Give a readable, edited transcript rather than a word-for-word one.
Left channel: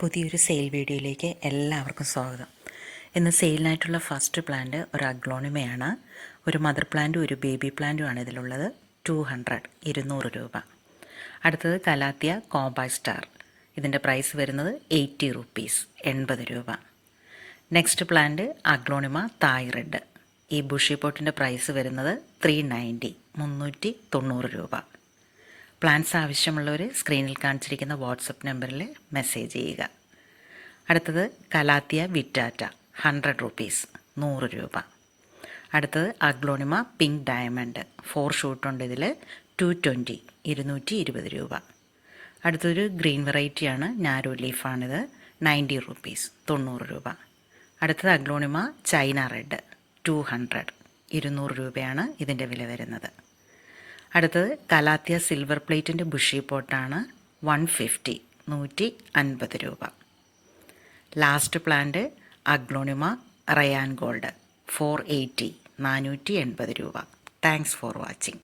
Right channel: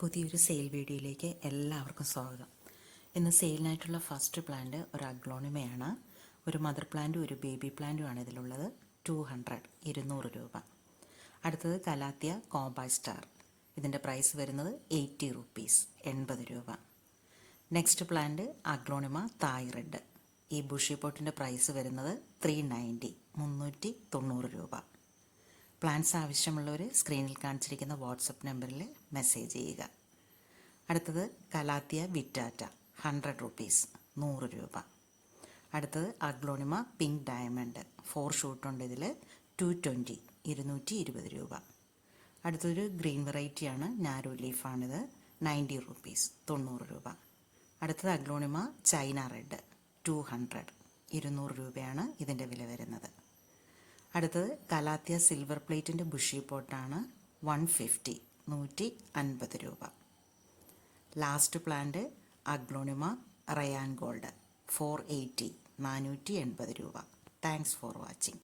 പുതിയൊരു സെയിൽ വീഡിയോയിലേക്ക് എല്ലാവർക്കും സ്വാഗതം. ഇന്ന് സെയിലിനായിട്ടുള്ള ഫസ്റ്റ് പ്ലാന്റ് ഒരു അഗ്ലോണിമയാണ്. ഒരു മദർ പ്ലാന്റും ഒരു ബേബി പ്ലാന്റുമാണ് ഇതിലുള്ളത്. 200 രൂപ. അടുത്തത് കലാത്തിയ കോംപാക്ട് സ്റ്റാർ. ഇതിൻ്റെ പ്രൈസ് വരുന്നത് 80 റുപ്പീസ്, 80 രൂപ. Next plant aglaonema Thai red. ഈ ബുഷി പോട്ടിൻ്റെ പ്രൈസ് വരുന്നത് 390, 390 രൂപ. പ്ലാൻസ് ആവശ്യമുള്ളവർ സ്ക്രീനിൽ കാണിച്ചിരിക്കുന്ന വാട്സപ്പ് നമ്പറിൽ മെസ്സേജ് ചെയ്യുക. അടുത്തത് കലാത്തിയ വിറ്റാറ്റ 100 റുപ്പീസ്, 100 രൂപ. അടുത്തത് അഗ്ലോണിമ പിങ്ക് ഡയമണ്ട് 4 ഷൂട്ടുണ്ട്. ഇതിൽ 220, 220 രൂപ. അടുത്തൊരു ഗ്രീൻ വെറൈറ്റിയാണ്, നാരോ ലീഫാണിത്. 90 റുപ്പീസ്, 90 രൂപ. അടുത്തത് അഗ്ലോണിമ ചൈന റെഡ് 200, 200 രൂപയാണ് ഇതിൻ്റെ വില വരുന്നത്. അടുത്തത് കലാത്തിയ സിൽവർ പ്ലേറ്റിൻ്റെ ബുഷി പോട്ടാണ്. 150, 150 രൂപ. Last plant aglaonema Ryan gold 480, 480 രൂപ. Thanks for watching.